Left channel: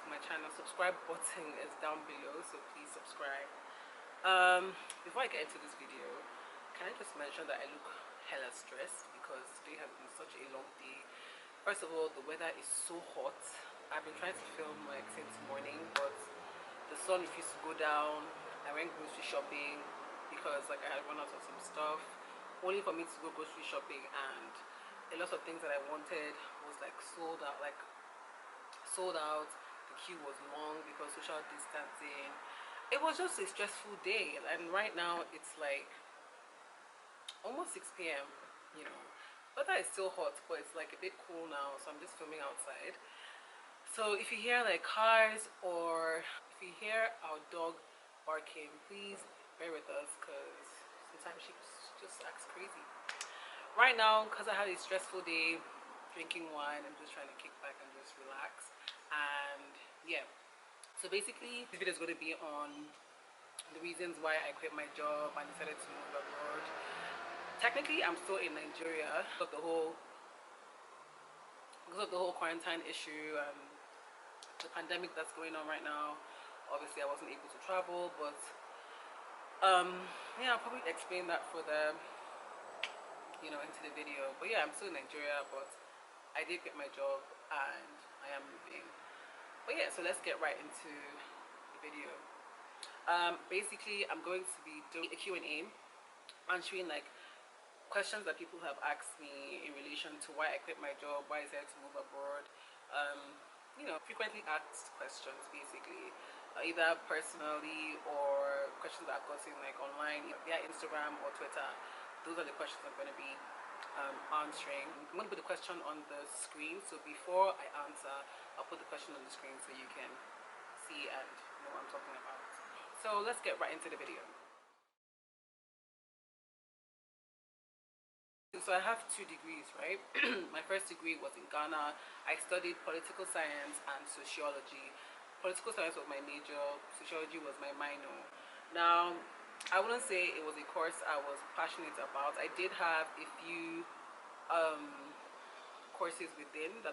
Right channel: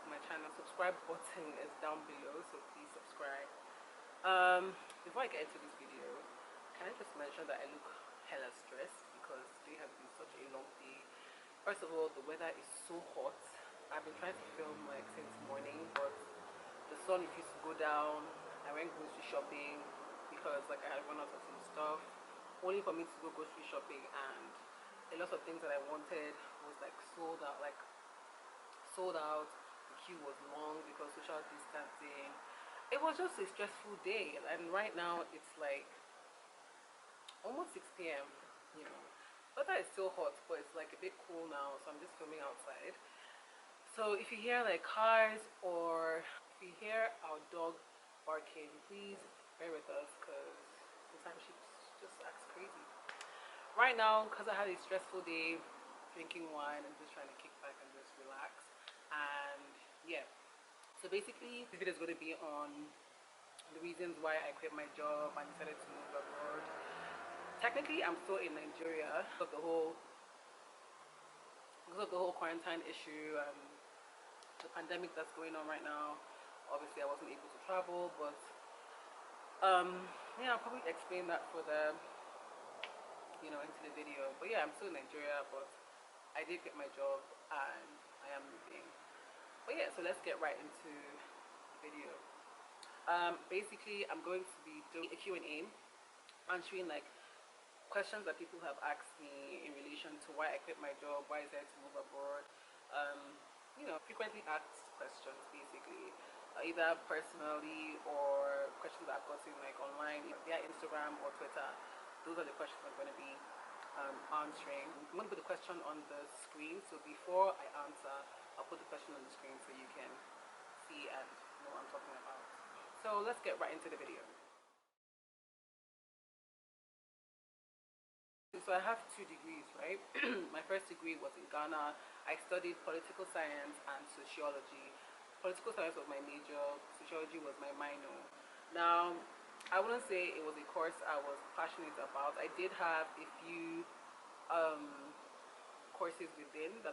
to my channel, subscribe button is down below, so please subscribe. Before I get into this video, can I just mention that I look hella stressed because today has been such a long day. First of all, the weather is so hot. I've been trying to film like since morning, but the sun refused to go down. I went grocery shopping because like I had run out of some stuff, only for me to go grocery shopping, and a lot of things that I wanted was like sold out. The queue was long because social distancing. It was just a stressful day, and right now it's like almost 6 p.m. you know, weather is still hot, but it's like a bit cool now, so I'm just filming outside. So if you hear like cars or if you hear our dog barking, please bear with us because sometimes she just acts crazy. Right now, because I had a stressful day drinking wine, I'm just trying to kick back and just relax. And yeah, so basically this video is going to be on the reasons why I quit my job and decided to move abroad. Technically I'm still in Nigeria because of the whole quarantine issue and the pandemic that's going on right now. Obviously I wasn't able to travel, but yeah, I'll probably explain that for the into the video. But yeah, I'm still in Nigeria, but I did quit my job and I am moving. But yeah, so let's get right into the video. Basically I'm going to be doing a Q&A, answering like questions that people have asked me in relation to why I quit my job, why I decided to move abroad. Frequently asked questions, basically, either personally or questions that I've gotten like online via Instagram or Twitter. Those are the questions I'm going to be answering. I'm going to put the question on the screen, so before I answer, I'll put the question on the screen so you can see and know what I'm talking about. So let's get right into the video. So I have 2 degrees, right? My first degree was in Ghana. I studied political science and sociology. Political science was my major, sociology was my minor. Now, I wouldn't say it was a course I was passionate about. I did have a few courses within that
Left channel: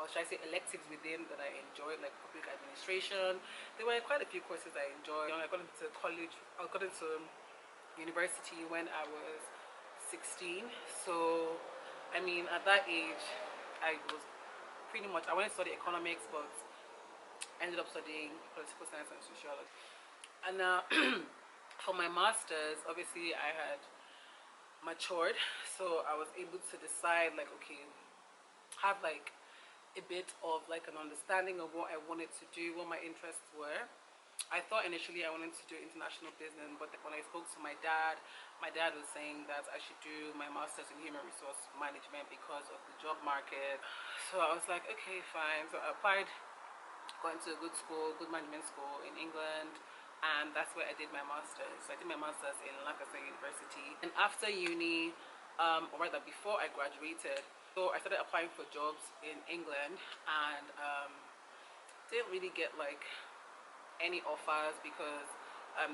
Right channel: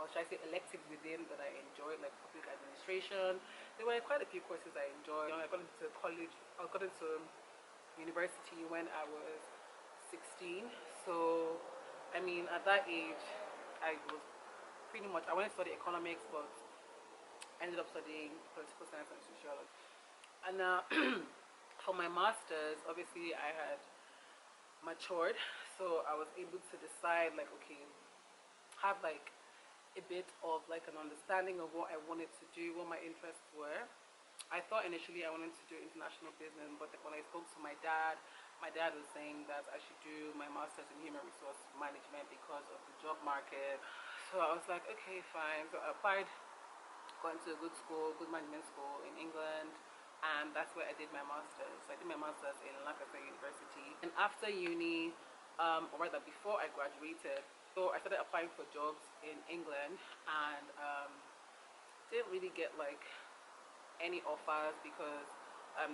or should I say electives within that I enjoyed, like public administration. There were quite a few courses I enjoyed. I got into college, I got into university when I was 16. So I mean, at that age I was pretty much, I wanted to study economics, but ended up studying political science and sociology. And for my master's, obviously I had matured, so I was able to decide like, okay, have like a bit of like an understanding of what I wanted to do, what my interests were. I thought initially I wanted to do international business, but when I spoke to my dad was saying that I should do my master's in human resource management because of the job market. So I was like, okay, fine. So I applied, got into a good school, good management school in England, and that's where I did my master's. So I did my master's in Lancaster University. And after uni, or rather before I graduated, so I started applying for jobs in England, and didn't really get like any offers because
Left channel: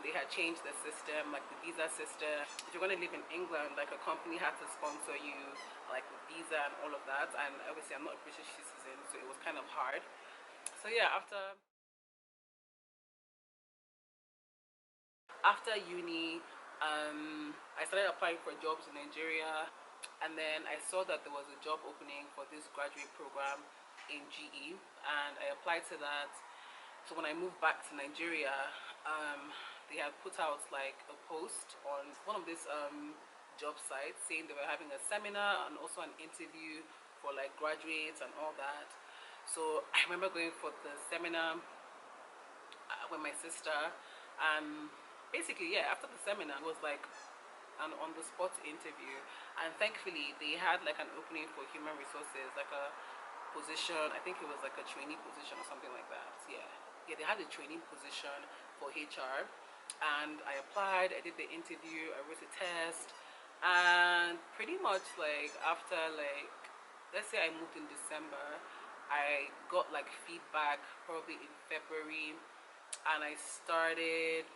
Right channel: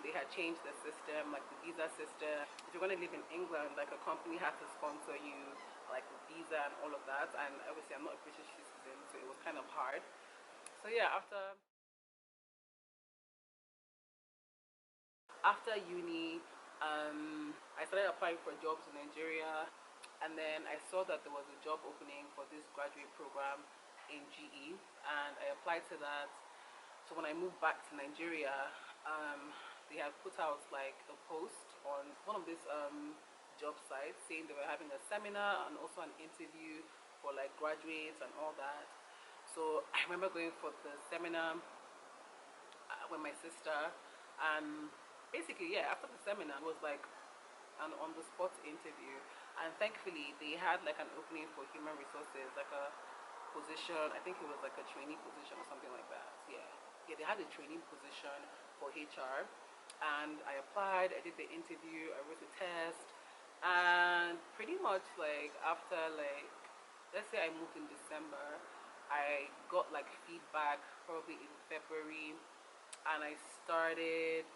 they had changed the system, like the visa system. If you're going to live in England, like a company had to sponsor you like with visa and all of that, and obviously I'm not a British citizen, so it was kind of hard. So yeah, after uni, I started applying for jobs in Nigeria, and then I saw that there was a job opening for this graduate program in GE, and I applied to that. So when I moved back to Nigeria, they had put out like a post on one of these job sites saying they were having a seminar and also an interview for like graduates and all that. So I remember going for the seminar with my sister, and basically, yeah, after the seminar it was like an on-the-spot interview, and thankfully they had like an opening for human resources, like a position, I think it was like a trainee position or something like that. Yeah, they had a training position for HR, and I applied, I did the interview, I wrote a test, and pretty much like after like, let's say I moved in December, I got like feedback probably in February, and I started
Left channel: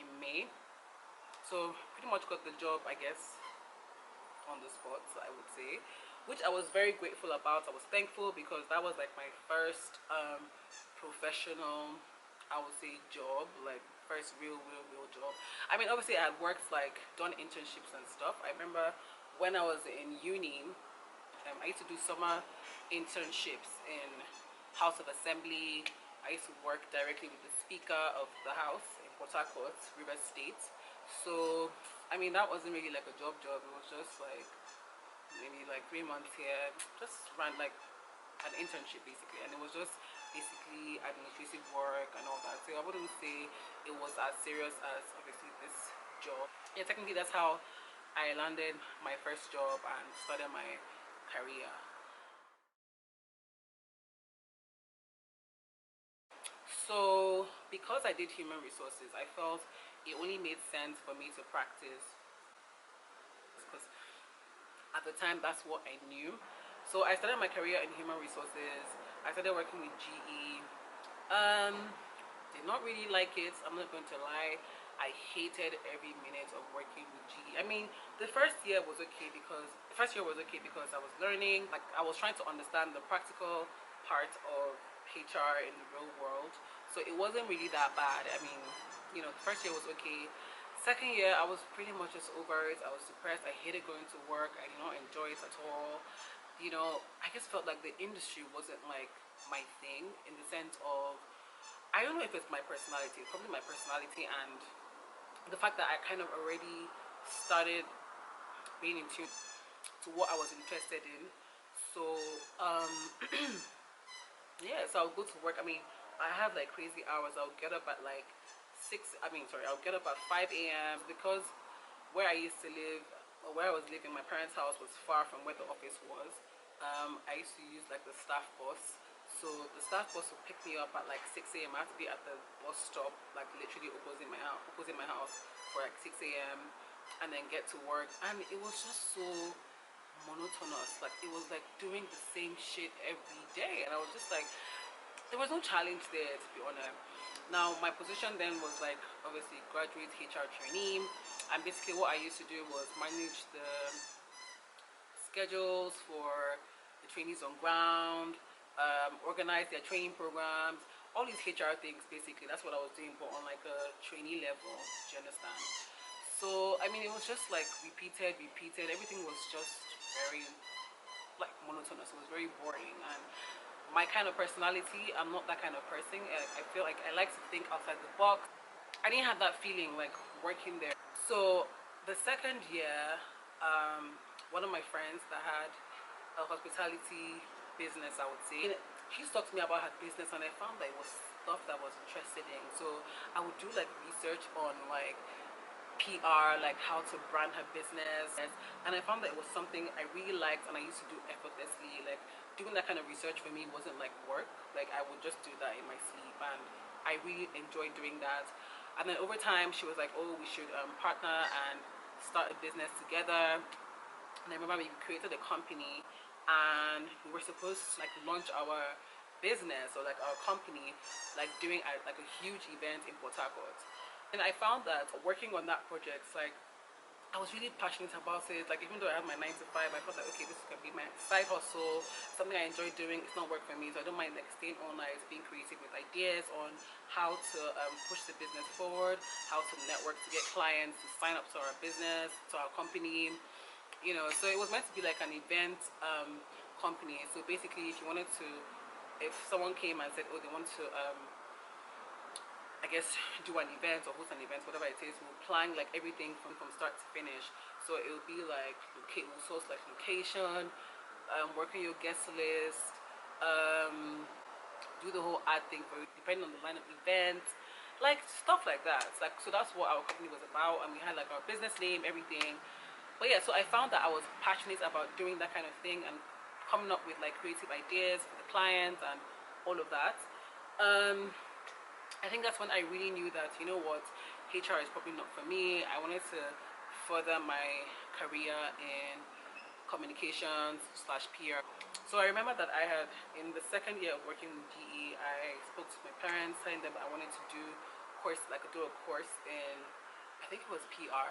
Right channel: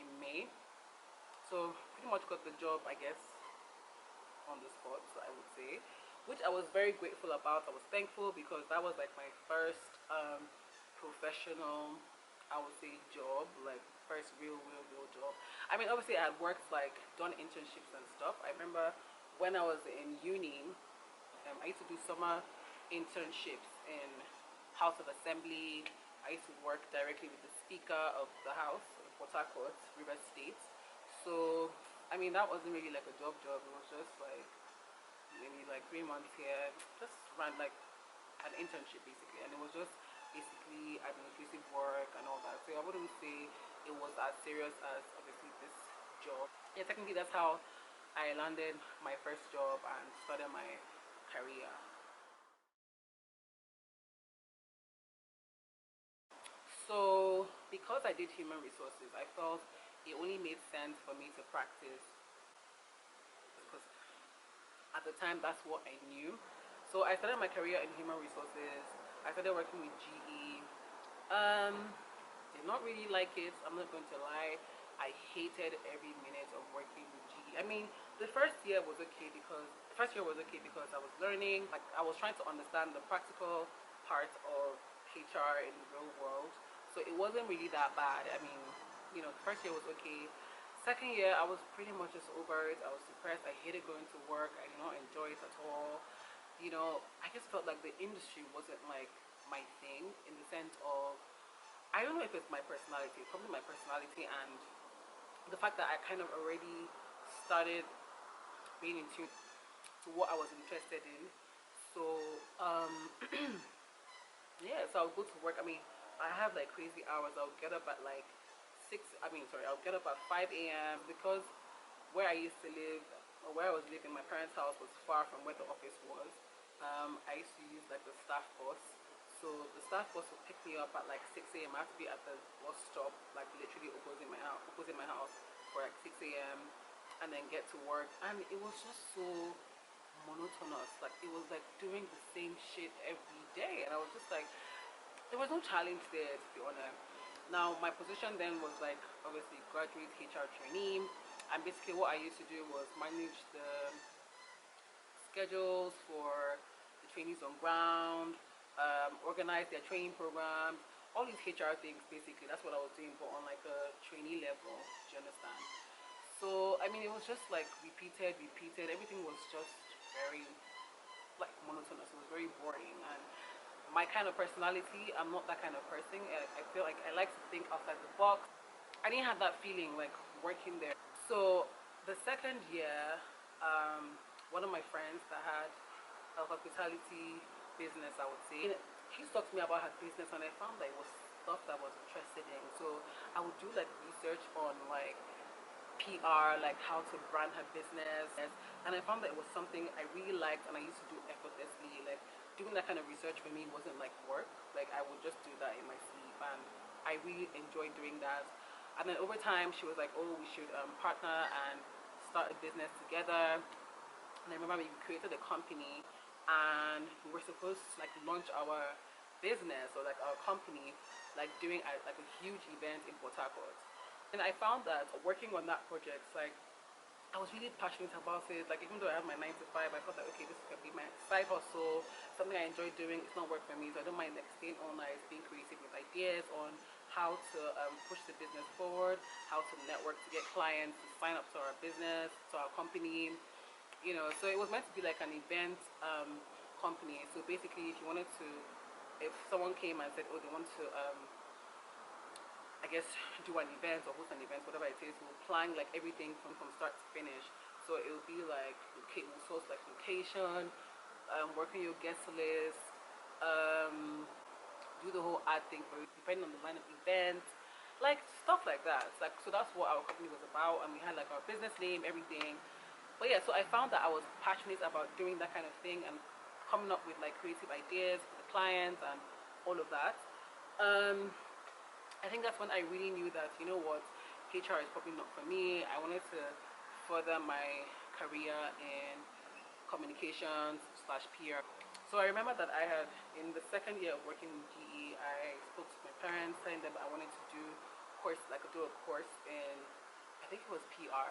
in May. So pretty much got the job, I guess, on the spot, I would say, which I was very grateful about. I was thankful because that was like my first professional, I would say, job, like first real job. I mean, obviously I had worked, like done internships and stuff. I remember when I was in uni, I used to do summer internships in House of Assembly. I used to work directly with the Speaker of the House in Port Harcourt, River State. So, I mean, that wasn't really like a job. It was just like maybe like 3 months here, just ran like an internship basically, and it was just basically administrative work and all that. So I wouldn't say it was as serious as obviously this job. Yeah, technically that's how I landed my first job and started my career. So because I did human resources, I felt it only made sense for me to practice because at the time that's what I knew. So I started my career in human resources. I started working with GE. um did not really like it, I'm not going to lie. I hated every minute of working with GE. I mean, the first year was okay because I was learning, like I was trying to understand the practical part of HR in the real world. So it wasn't really that bad. I mean, the first year was okay. Second year, I was pretty much just over it. I was depressed. I hated going to work. I did not enjoy it at all. I just felt like the industry wasn't like my thing, in the sense of, I don't know if it's my personality, probably my personality, and the fact that I kind of already started being in tune to what I was interested in. So, um, yeah, so I'll go to work. I mean, I have like crazy hours. I'll get up at like I'll get up at 5 a.m. because where I used to live, or where I was living, my parents' house was far from where the office was. I used to use like the staff bus. So the staff bus would pick me up at like 6 a.m. I had to be at the bus stop, like literally opposite my house for like 6 a.m. and then get to work. And it was just so monotonous. Like it was like doing the same shit every day. And I was just like, there was no challenge there, to be honest. Now my position then was like obviously graduate HR trainee, and basically what I used to do was manage the schedules for the trainees on ground, organize their training programs, all these HR things basically. That's what I was doing, but on like a trainee level. Do you understand? So I mean, it was just like repeated. Everything was just very like monotonous. It was very boring, and my kind of personality, I'm not that kind of person. I feel like I like to think outside the box. I didn't have that feeling like working there. So the second year, one of my friends that had a hospitality business, I would say, she talked to me about her business, and I found that it was stuff that I was interested in. So I would do like research on like PR, like how to brand her business, and I found that it was something I really liked and I used to do effortlessly. Like doing that kind of research for me wasn't like work. Like I would just do that in my sleep, and I really enjoyed doing that. And then over time, she was like, "Oh, we should partner and start a business together." And I remember we created a company, and we were supposed to like launch our business, or like our company, like doing like a huge event in Port Harcourt. And I found that working on that project, like I was really passionate about it. Like even though I have my 9 to 5, I thought that okay, this can be my side hustle, something I enjoy doing. It's not work for me, so I don't mind like staying all night, being creative with ideas on how to push the business forward, how to network to get clients to sign up to our business, to our company. So it was meant to be like an event company. So basically, if someone came and said, oh, they want to I guess do an event or host an event, whatever it is, we'll plan like everything from start to finish. So it will be like, okay, we'll source like location, work on your guest list, do the whole ad thing for it, depending on the line of event, like stuff like that. It's like, so that's what our company was about, and we had like our business name, everything. But yeah, so I found that I was passionate about doing that kind of thing and coming up with like creative ideas for the clients and all of that. um I think that's when I really knew that, you know what, HR is probably not for me. I wanted to further my career in communications slash PR. So I remember that I had, in the second year of working with GE, I spoke to my parents, telling them that I wanted to do do a course in, I think it was PR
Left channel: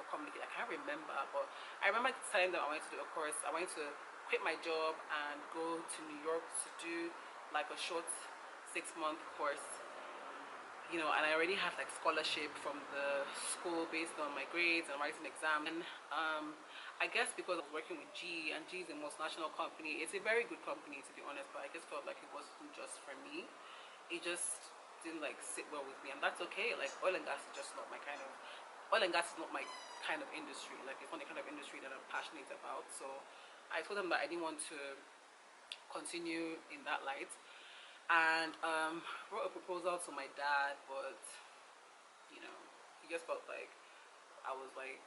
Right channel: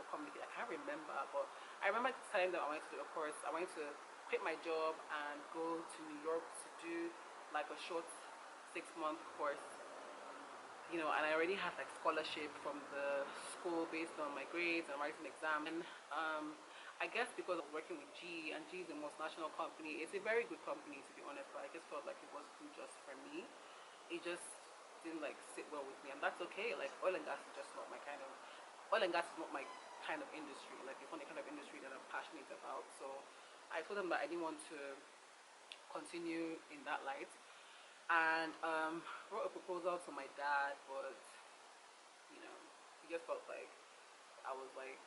or communication. I can't remember, but I remember telling them I wanted to do a course. I wanted to quit my job and go to New York to do like a short 6-month course, you know, and I already had like scholarship from the school based on my grades and writing exams. And I guess because I was working with G, and G is the most national company. It's a very good company to be honest, but I just felt like it wasn't just for me. It just didn't like sit well with me, and that's okay. Like oil and gas is just not my kind of oil and gas is not my kind of industry. Like it's not the kind of industry that I'm passionate about. So I told them that I didn't want to continue in that light, and wrote a proposal to my dad, but you know, he just felt like I was like,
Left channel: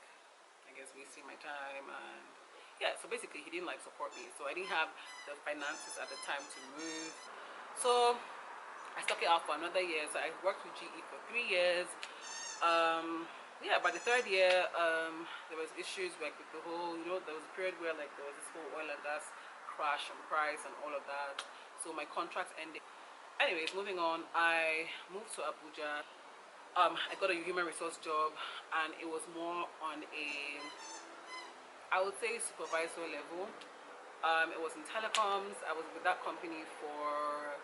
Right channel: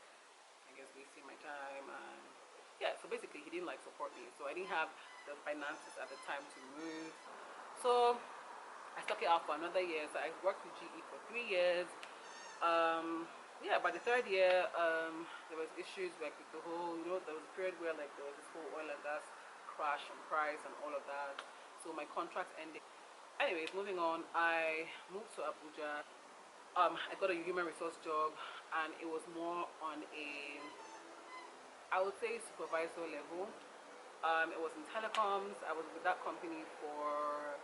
I guess, wasting my time. And yeah, so basically he didn't like support me, so I didn't have the finances at the time to move. So I stuck it out for another year. So I worked with GE for 3 years. Yeah, by the third year, there was issues like with the whole, you know, there was a period where like there was this whole oil and gas crash and price and all of that. So my contract ended. Anyways, moving on, I moved to Abuja. I got a human resource job, and it was more on a, I would say, supervisor level. It was in telecoms. I was with that company for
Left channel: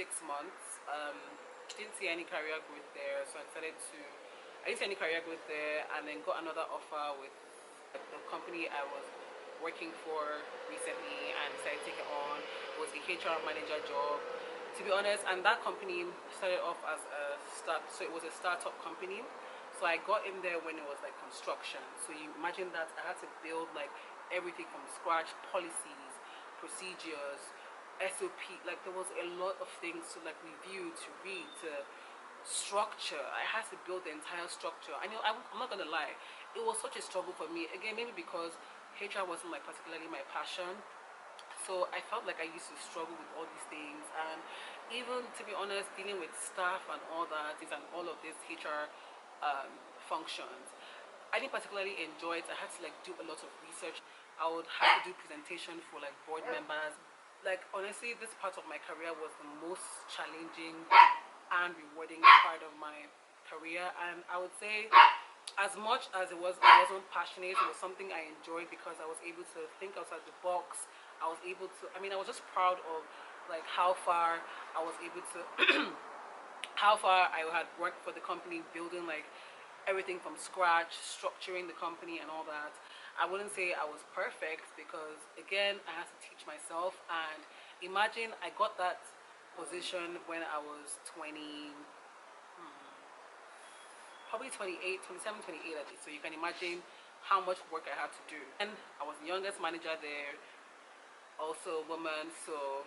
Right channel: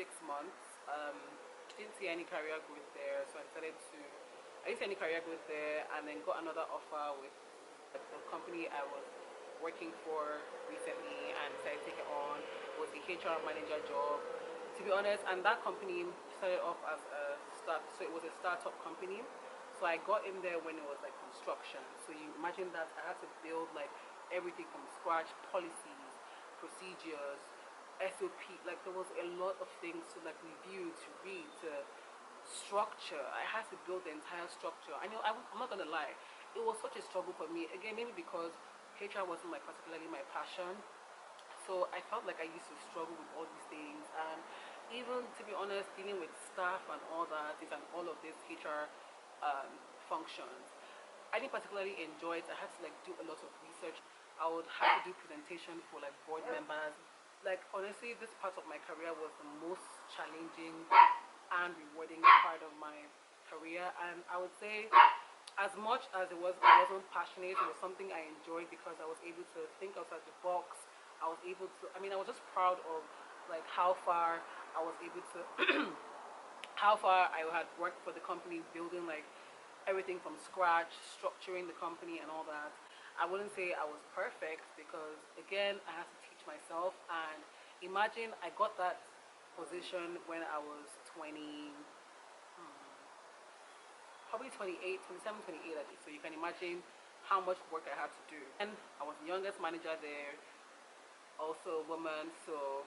6 months. Didn't see any career growth there, so I didn't see any career growth there, and then got another offer with the company I was working for recently, and decided to take it on. It was a HR manager job, to be honest, and that company started off as so it was a startup company. So I got in there when it was like construction. So you imagine that I had to build like everything from scratch, policies, procedures, SOP. Like there was a lot of things to like review, to read, to structure. I had to build the entire structure. I know I'm not gonna lie, it was such a struggle for me. Again, maybe because HR wasn't like particularly my passion, so I felt like I used to struggle with all these things. And even to be honest, dealing with staff and all that and all of this HR functions, I didn't particularly enjoy it. I had to like do a lot of research. I would have to do presentation for like board members. Like honestly, this part of my career was the most challenging and rewarding part of my career. And I would say, as much as I wasn't passionate, it was something I enjoyed because I was able to think outside the box. I was able to, I mean, I was just proud of like how far I was able to how far I had worked for the company, building like everything from scratch, structuring the company and all that. I wouldn't say I was perfect because again, I had to teach myself. And imagine I got that position when I was 20, probably 28, 27, 28 at least. So you can imagine how much work I had to do. And I was the youngest manager there, also a woman. So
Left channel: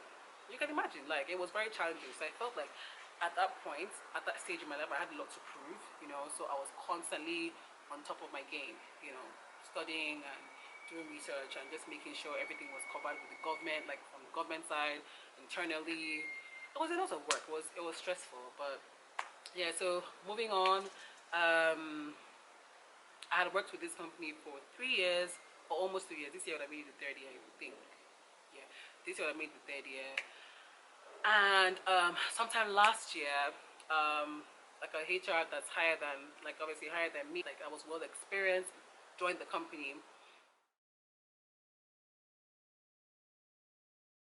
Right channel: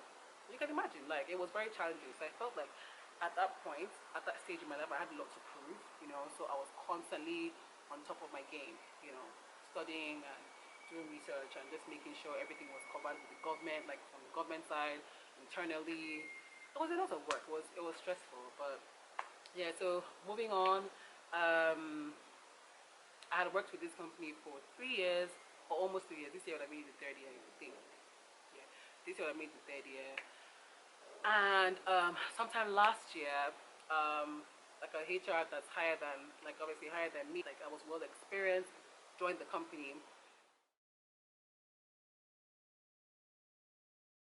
you can imagine, like, it was very challenging. So I felt like at that point, at that stage in my life, I had a lot to prove, you know. So I was constantly on top of my game, you know, studying and doing research and just making sure everything was covered with the government, like from the government side, internally. It was a lot of work. It was stressful, but yeah. So moving on, I had worked with this company for 3 years, or almost 3 years. This year I made the third year, I would think. Yeah, this year I made the third year. And sometime last year, like a HR that's higher than, like obviously higher than me, like I was well experienced, joined the company.